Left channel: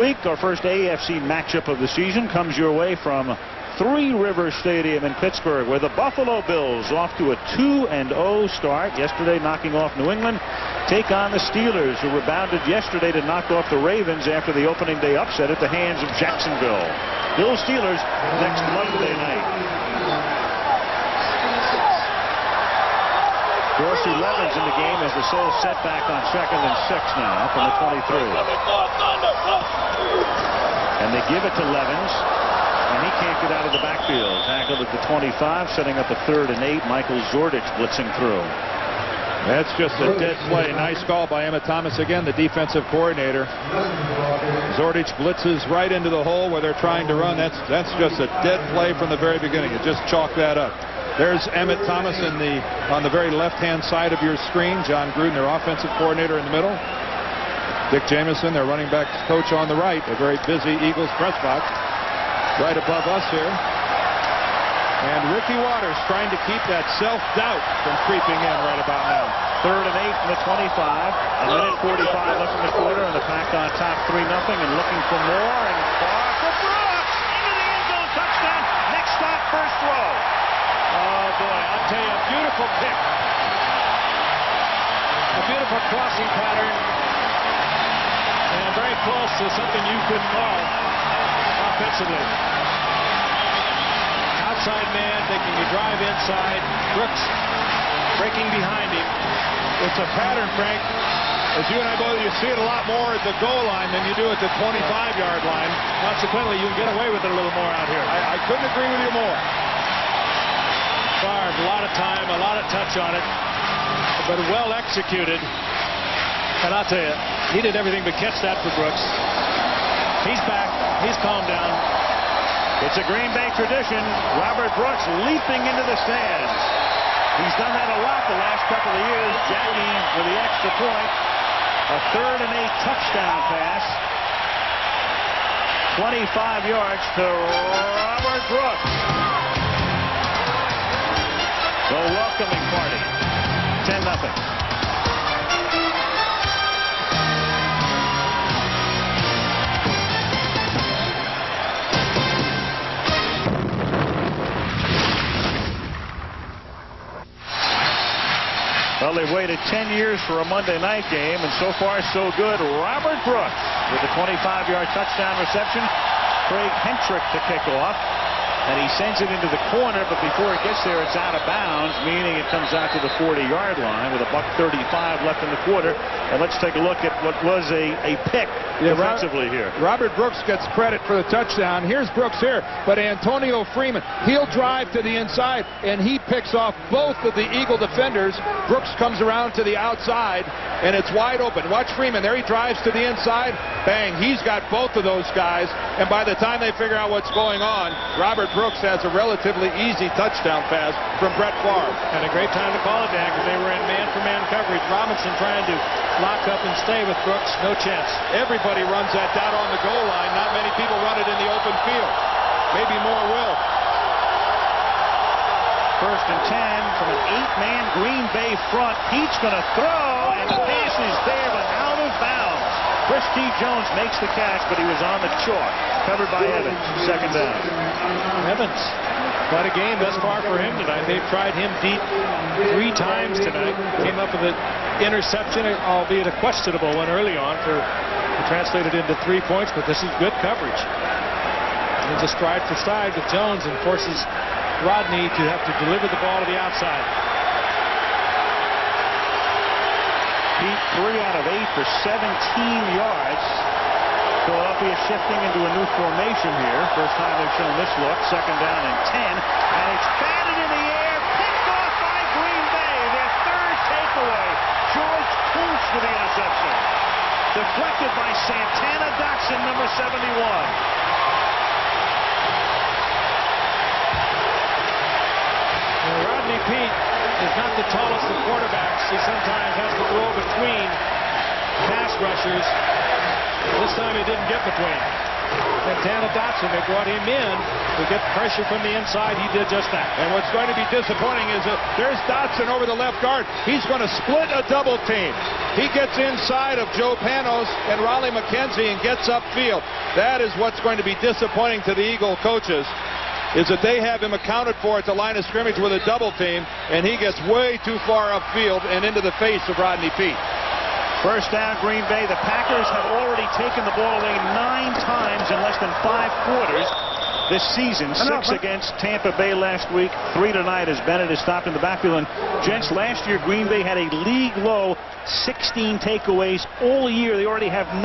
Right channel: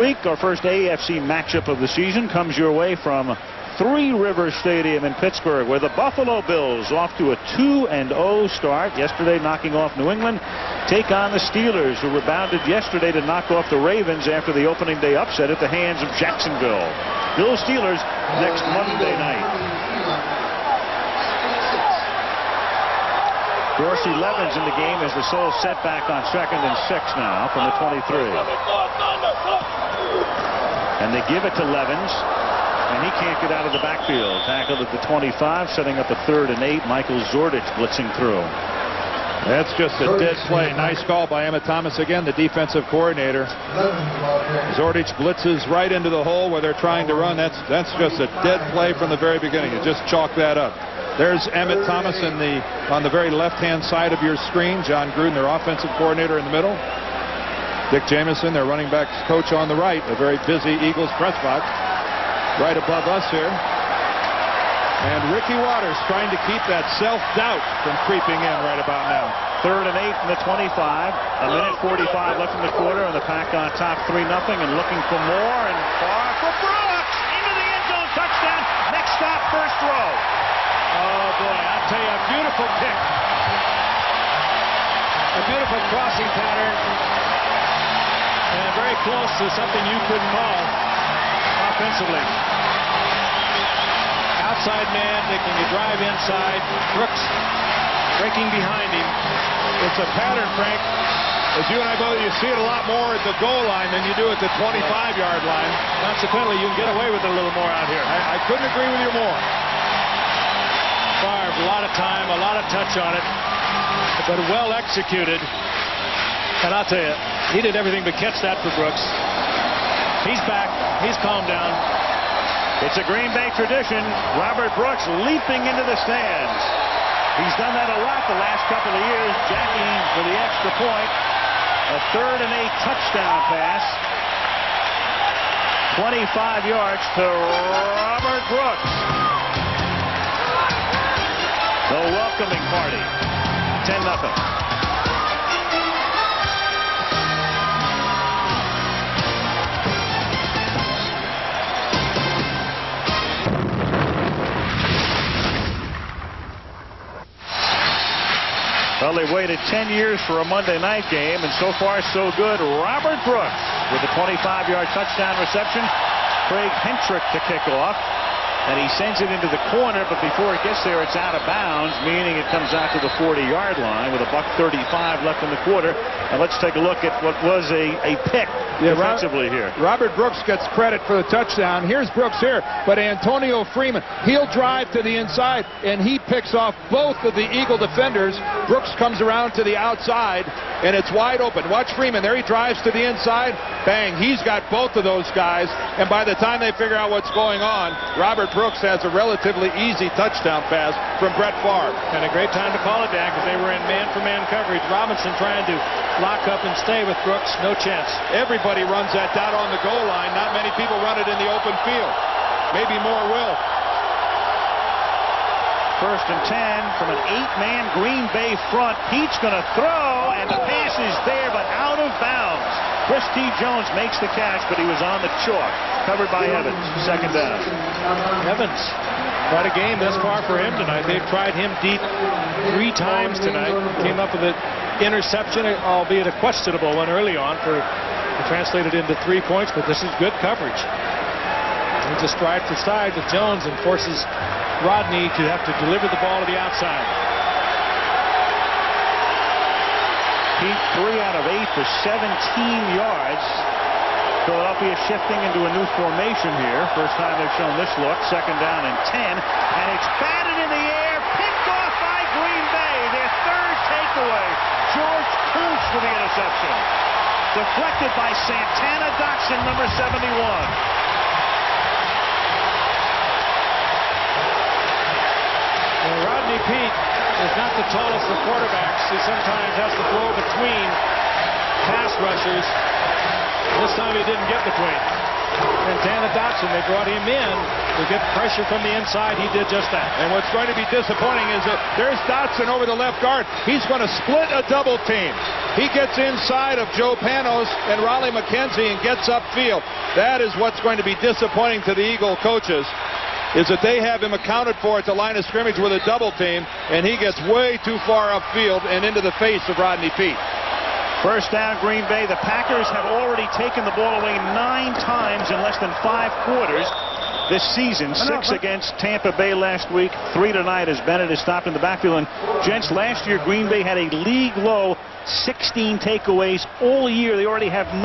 Week, our first AFC matchup of the season comes your way from Three Rivers Stadium in Pittsburgh, where the Buffalo Bills, off to a 2-0 start yesterday, knocking off New England, take on the Steelers, who rebounded yesterday to knock off the Ravens after the opening day upset at the hands of Jacksonville. Bills Steelers next Monday night. Dorsey Levens in the game as the sole setback on 2nd and 6 now from the 23. And they give it to Levens, and he can't get out of the backfield. Tackled at the 25, setting up a 3rd and 8. Michael Zordich blitzing through. That's just a dead play. Nice call by Emmett Thomas again, the defensive coordinator. Zordich blitzes right into the hole where they're trying to run. That's just a dead play from the very beginning. You just chalk that up. There's Emmett Thomas on the very left-hand side of your screen. John Gruden, their offensive coordinator, in the middle. Dick Jamieson, their running backs coach, on the right. A very busy Eagles press box right above us here. And Ricky Watters trying to keep that self-doubt from creeping in right about now. 3rd and 8 from the 25. A minute 45 left in the quarter, and the Pack on top 3-0 and looking for more, and far for Brooks into the end zone. Touchdown. Next stop, first row. Oh boy, I'll tell you, a beautiful pick. A beautiful crossing pattern. And very close to something you could call offensively. Outside man taking a drive inside. Brooks breaking behind him. It's a pattern, Frank. As you and I both, you see it a lot more at the goal line than you do at the 25-yard line. Consequently, you can get away with it a little more out here. I couldn't agree with you more. Favre, a lot of time, a lot of touch on it, but well executed. And I'll tell you, he did everything but catch that for Brooks. He's back. He's calmed down. It's a Green Bay tradition. Robert Brooks leaping into the stands. He's done that a lot the last couple of years. Jackie with the extra point. A 3rd and 8 touchdown pass. 25 yards to Robert Brooks. The welcoming party. 10-0. Well, they waited 10 years for a Monday night game, and so far so good. Robert Brooks with a 25-yard touchdown reception. Craig Hentrick to kick off, and he sends it into the corner, but before it gets there, it's out of bounds, meaning it comes out to the 40-yard line with $1:35 left in the quarter. And let's take a look at what was a pick defensively here. Robert Brooks gets credit for the touchdown. Here's Brooks here, but Antonio Freeman, he'll drive to the inside, and he picks off both of the Eagle defenders. Brooks comes around to the outside, and it's wide open. Watch Freeman. There he drives to the inside. Bang. He's got both of those guys, and by the time they figure out what's going on, Robert Brooks has a relatively easy touchdown pass from Brett Favre. And a great time to call it, Dan, because they were in man-for-man coverage. Robinson trying to lock up and stay with Brooks. No chance. Everybody runs that down on the goal line. Not many people run it in the open field. Maybe more will. 1st and 10 from an 8-man Green Bay front. Pete's going to throw, and the pass is there, but out of bounds. Chris T. Jones makes the catch, but he was on the chalk. Covered by Evans. 2nd down. Evans, quite a game thus far for him tonight. They've tried him deep 3 times tonight. Came up with an interception, albeit a questionable one early on, for translated into 3 points, but this is good coverage. He's a stride for side with Jones and forces Rodney to have to deliver the ball to the outside. Pete, 3 out of 8 for 17 yards. Philadelphia shifting into a new formation here. First time they've shown this look. 2nd down and 10. And it's batted in the air. Picked off by Green Bay. Their 3rd takeaway. George Kuntz with the interception. Deflected by Santana Doxson, number 71. Well, Rodney Peete is not the tallest of quarterbacks. He sometimes has to throw between pass rushers. This time he didn't get between. Santana Dotson. They brought him in to get pressure from the inside. He did just that. And what's going to be disappointing is that there's Dotson over the left guard. He's going to split a double team. He gets inside of Joe Panos and Raleigh McKenzie and gets upfield. That is what's going to be disappointing to the Eagle coaches, is that they have him accounted for at the line of scrimmage with a double team, and he gets way too far upfield and into the face of Rodney Peete. First down, Green Bay. The Packers have already taken the ball away 9 times in less than 5 quarters this season. 6 against Tampa Bay last week, 3 tonight as Bennett is stopped in the backfield. And gents, last year Green Bay had a league low 16 takeaways all year. They already have 9.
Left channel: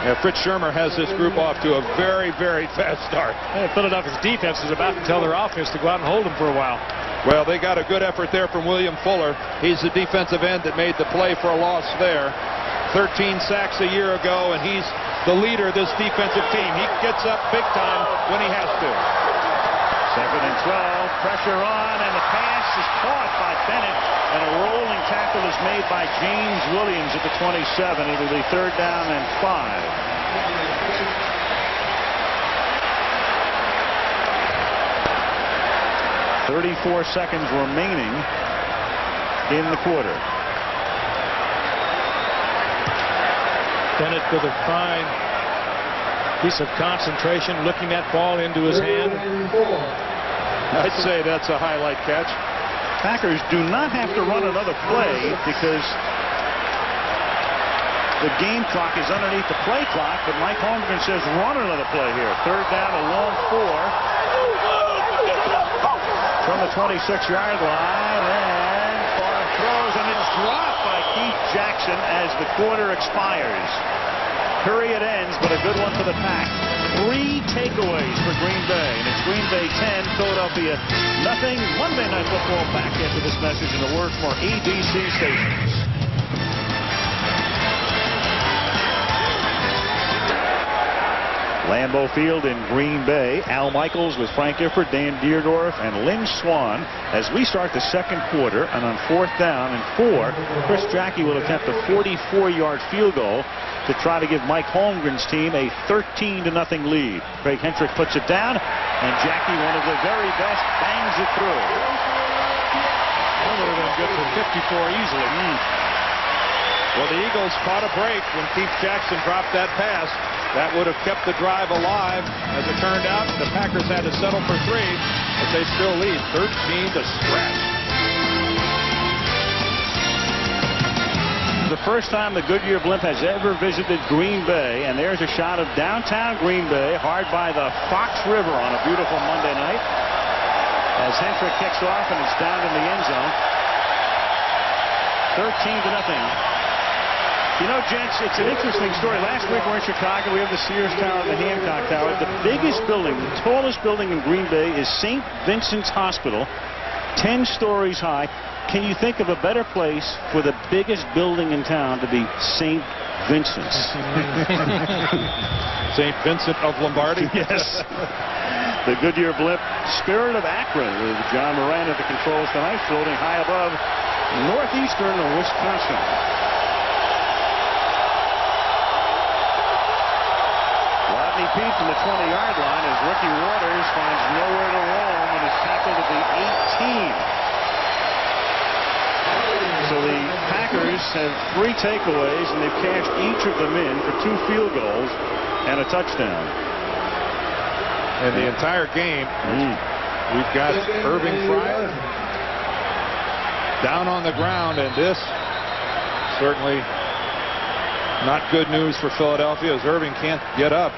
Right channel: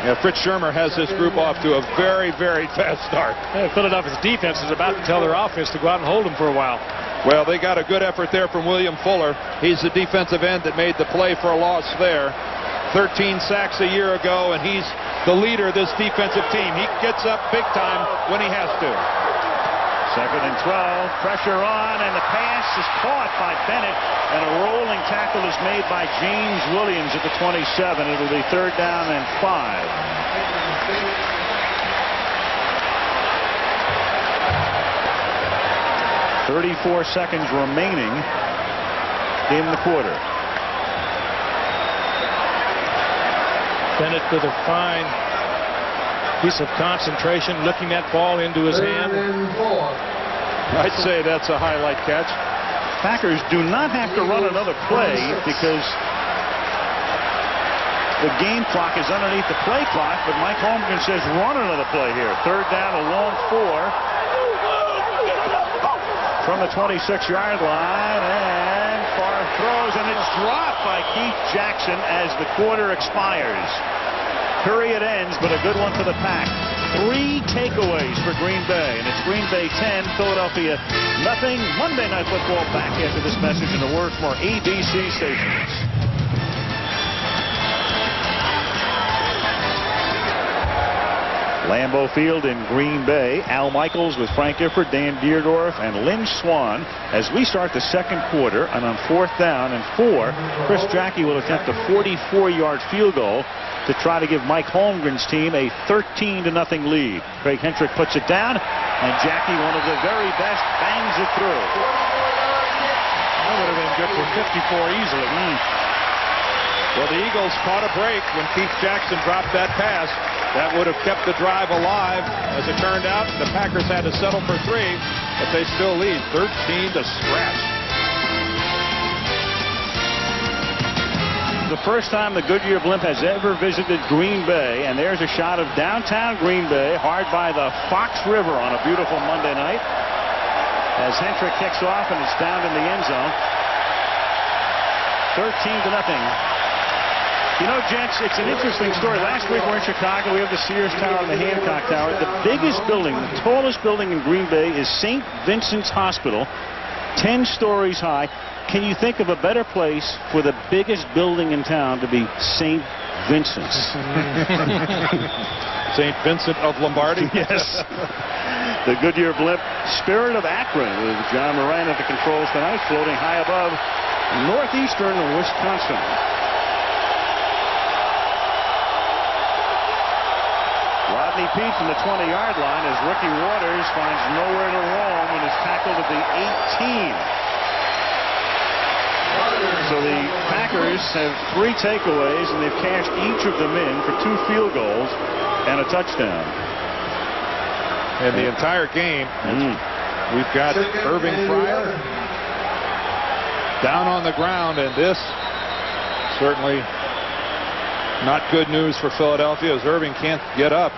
Yeah, Fritz Shermer has this group off to a very, very fast start. Philadelphia's defense is about to tell their offense to go out and hold them for a while. Well, they got a good effort there from William Fuller. He's the defensive end that made the play for a loss there. 13 sacks a year ago, and he's the leader of this defensive team. He gets up big time when he has to. 2nd and 12, pressure on, and the pass is caught by Bennett, and a rolling tackle is made by James Williams at the 27. It'll be 3rd down and 5. 34 seconds remaining in the quarter. Bennett with a fine piece of concentration, looking that ball into his hand. I'd say that's a highlight catch. Packers do not have to run another play because the game clock is underneath the play clock, but Mike Holmgren says run another play here. 3rd down, a long 4. From the 26-yard line, and far throws, and it's dropped by Keith Jackson as the quarter expires. Period ends, but a good one for the Pack. 3 takeaways for Green Bay, and it's Green Bay 10, Philadelphia nothing. Monday Night Football back after this message and a word from our ABC stations. Lambeau Field in Green Bay. Al Michaels with Frank Gifford, Dan Deerdorf, and Lynn Swan as we start the 2nd quarter. And on 4th down and 4, Chris Jackie will attempt a 44-yard field goal to try to give Mike Holmgren's team a 13-0 lead. Craig Hentrick puts it down, and Jackie, one of the very best, bangs it through. That would have been good for 54 easily. Well, the Eagles caught a break when Keith Jackson dropped that pass. That would have kept the drive alive. As it turned out, the Packers had to settle for 3, but they still lead 13 to scratch. The first time the Goodyear Blimp has ever visited Green Bay, and there's a shot of downtown Green Bay, hard by the Fox River on a beautiful Monday night, as Hentrick kicks off and it's down in the end zone. 13-0. You know, gents, it's an interesting story. Last week we're in Chicago. We have the Sears Tower and the Hancock Tower. The biggest building, the tallest building in Green Bay is St. Vincent's Hospital, 10 stories high. Can you think of a better place for the biggest building in town to be St. Vincent's? St. Vincent of Lombardy? Yes. The Goodyear Blimp, Spirit of Akron, with John Moran at the controls tonight, floating high above northeastern Wisconsin. Rodney Peete from the 20-yard line as Ricky Waters finds nowhere to roam and is tackled at the 18. So the Packers have 3 takeaways, and they've cashed each of them in for 2 field goals and a touchdown. And the entire game, we've got Irving Fryer down on the ground, and this certainly not good news for Philadelphia as Irving can't get up.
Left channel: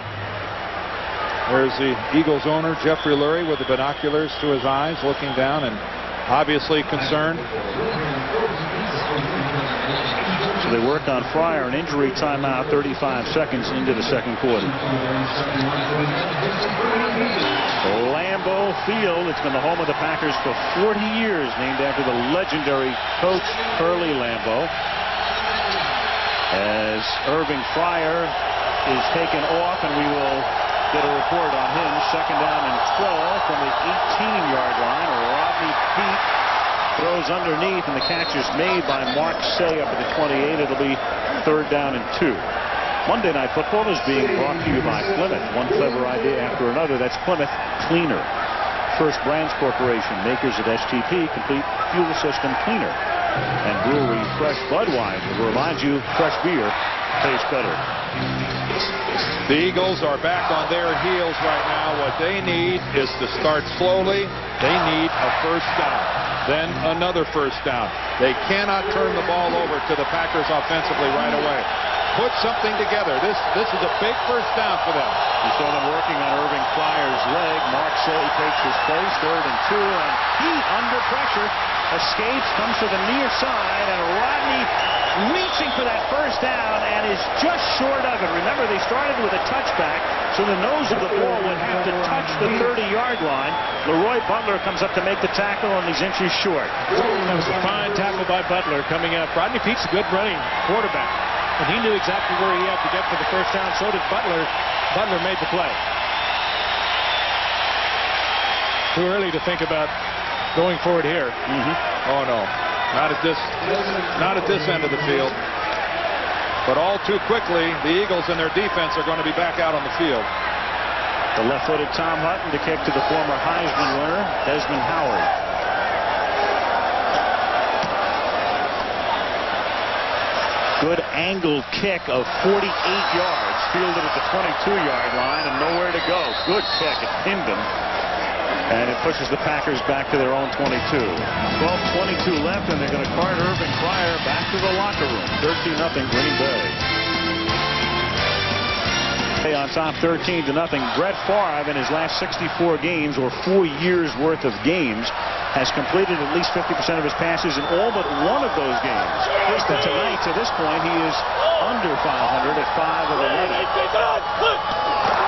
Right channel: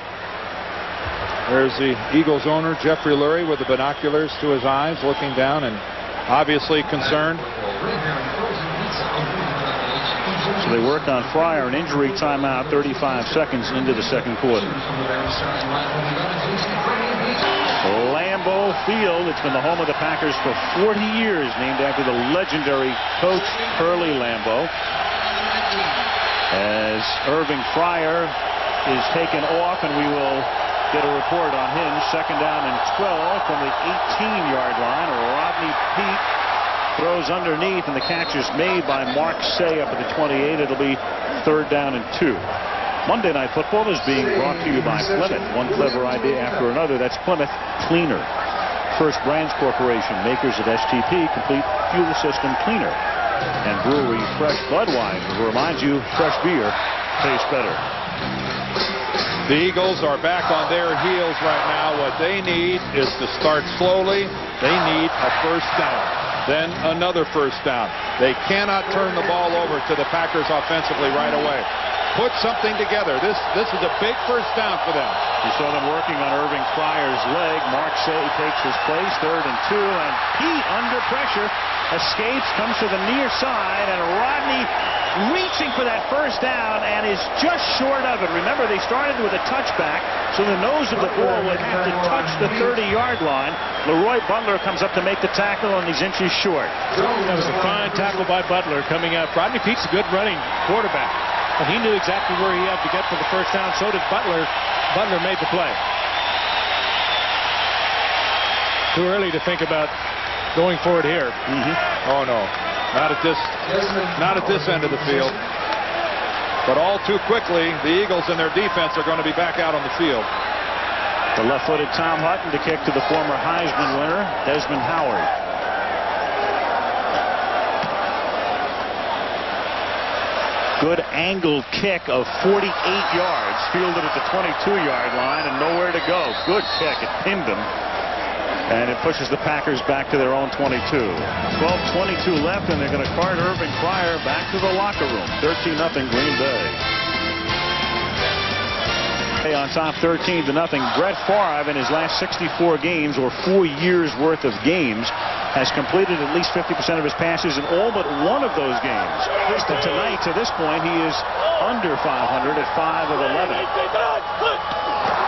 There's the Eagles owner, Jeffrey Lurie, with the binoculars to his eyes, looking down and obviously concerned. So they work on Fryer, an injury timeout, 35 seconds into the 2nd quarter. Lambeau Field, it's been the home of the Packers for 40 years, named after the legendary coach Curly Lambeau. As Irving Fryer is taken off, and we will get a report on him. 2nd down and 12 from the 18-yard line. Rodney Peete throws underneath, and the catch is made by Mark Say up at the 28. It'll be 3rd down and 2. Monday Night Football is being brought to you by Plymouth. One clever idea after another. That's Plymouth Cleaner. First Brands Corporation, makers of STP, Complete Fuel System Cleaner. And brewery Fresh Budweiser reminds you fresh beer tastes better. The Eagles are back on their heels right now. What they need is to start slowly. They need a first down, then another first down. They cannot turn the ball over to the Packers offensively right away. Put something together. This is a big first down for them. You saw them working on Irving Fryer's leg. Mark Say takes his place, 3rd and 2, and Pete under pressure escapes, comes to the near side, and Rodney reaching for that first down and is just short of it. Remember, they started with a touchback, so the nose of the ball would have to touch the 30-yard line. Leroy Butler comes up to make the tackle, and he's inches short. That was a fine tackle by Butler coming up. Rodney Pete's a good running quarterback, and he knew exactly where he had to get for the first down. So did Butler. Butler made the play. Too early to think about going forward here. Oh no, not at this end of the field. But all too quickly, the Eagles and their defense are going to be back out on the field. The left-footed Tom Hutton to kick to the former Heisman winner, Desmond Howard. Good angled kick of 48 yards, fielded at the 22-yard line and nowhere to go. Good kick. It pinned him. And it pushes the Packers back to their own 22. 12:22 left, and they're going to cart Irving Fryer back to the locker room. 13-0 Green Bay. On top 13-0. Brett Favre in his last 64 games, or 4 years worth of games, has completed at least 50% of his passes in all but one of those games. But tonight, to this point, he is under 500 at 5 of 11.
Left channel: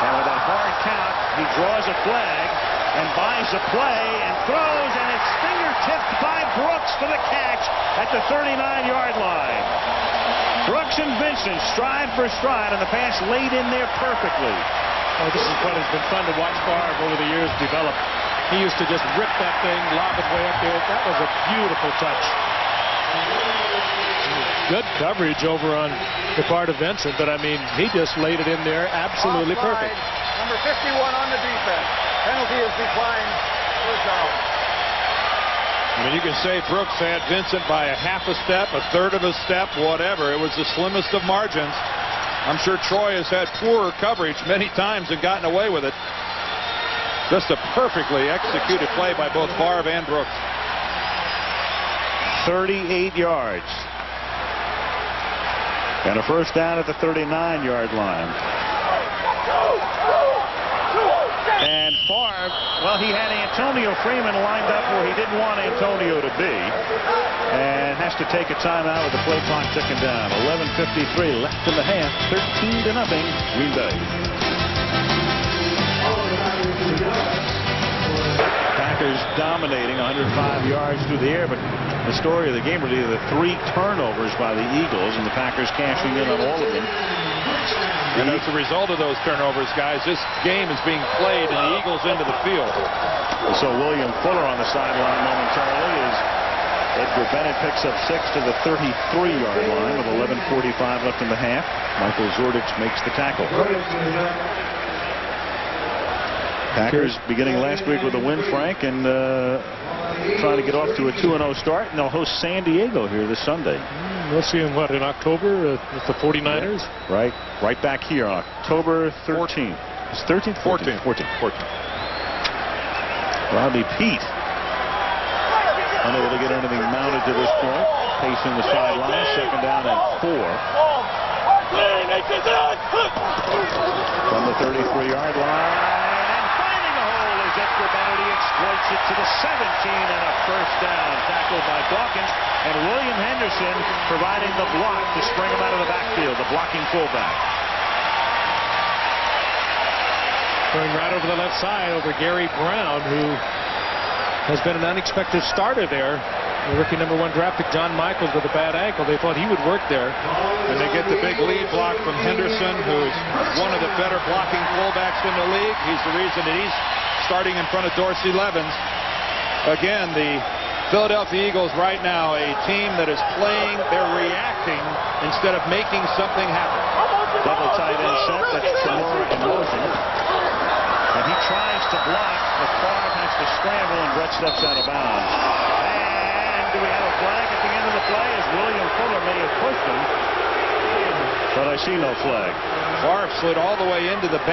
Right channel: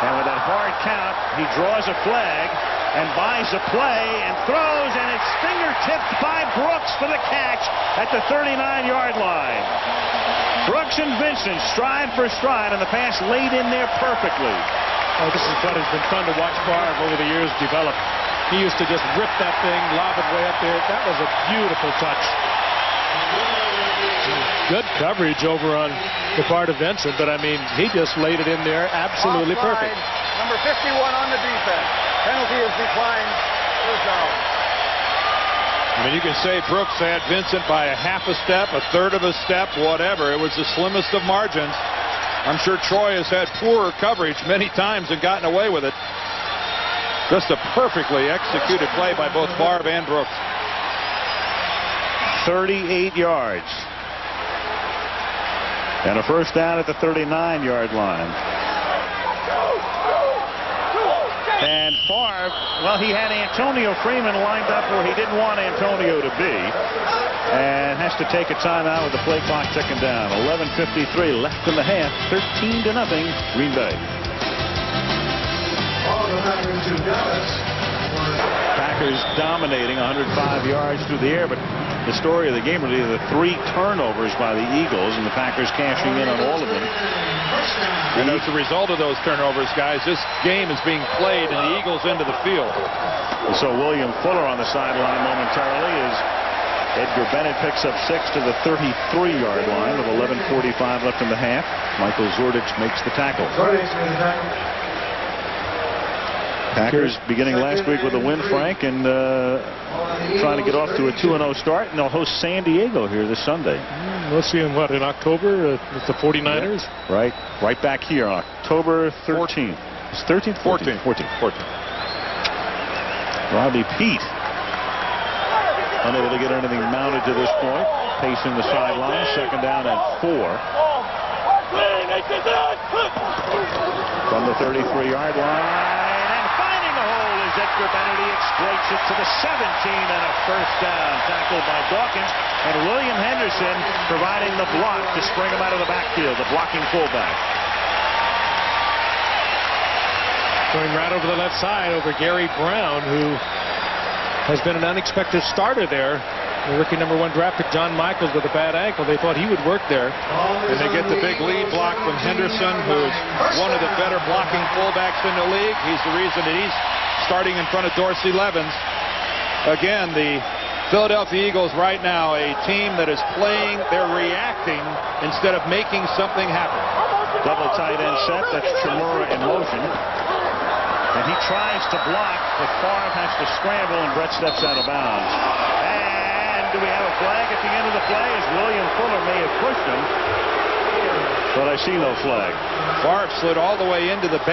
And with that hard count, he draws a flag and buys a play and throws, and it's fingertipped by Brooks for the catch at the 39-yard line. Brooks and Vincent stride for stride, and the pass laid in there perfectly. Oh, this is what has been fun to watch Favre over the years develop. He used to just rip that thing, lob it way up there. That was a beautiful touch. Good coverage over on the part of Vincent, but I mean, he just laid it in there absolutely perfect. Number 51 on the defense. Penalty is declined. First down. I mean, you can say Brooks had Vincent by a half a step, a third of a step, whatever. It was the slimmest of margins. I'm sure Troy has had poorer coverage many times and gotten away with it. Just a perfectly executed play by both Favre and Brooks. 38 yards. And a first down at the 39-yard line. And Favre, well, he had Antonio Freeman lined up where he didn't want Antonio to be. And has to take a timeout with the play clock ticking down. 11:53 left in the half. 13-0 Green Bay. Packers dominating 105 yards through the air, but the story of the game really the 3 turnovers by the Eagles, and the Packers cashing in on all of them. And as a result of those turnovers, guys, this game is being played in the Eagles' end of the field. So William Fuller on the sideline momentarily as Edgar Bennett picks up 6 to the 33-yard line with 11:45 left in the half. Michael Zordich makes the tackle. Packers beginning last week with a win, Frank, and trying to get off to a 2-0 start, and they'll host San Diego here this Sunday. We'll see him, what, in October with the 49ers? Yeah, right back here on October 13th. It's 13th? 14th. 14th. Rodney Pete unable to get anything mounted to this point. Pacing the sideline. 2nd down and 4. From the 33-yard line, and finding a hole is Edgar Bennett. He exploits it to the 17 and a first down. Tackled by Dawkins, and William Henderson providing the block to spring him out of the backfield, the blocking fullback. Going right over the left side over Gary Brown, who has been an unexpected starter there. The rookie #1 draft pick John Michaels with a bad ankle. They thought he would work there. And they get the big lead block from Henderson, who's one of the better blocking fullbacks in the league. He's the reason that he's starting in front of Dorsey Levens. Again, the Philadelphia Eagles right now, a team that is playing, they're reacting instead of making something happen. Double tight end set. That's Chimura in motion. And he tries to block, but Favre has to scramble, and Brett steps out of bounds. And do we have a flag at the end of the play? As William Fuller may have pushed him, but I see no flag. Favre slid all the way into the bench.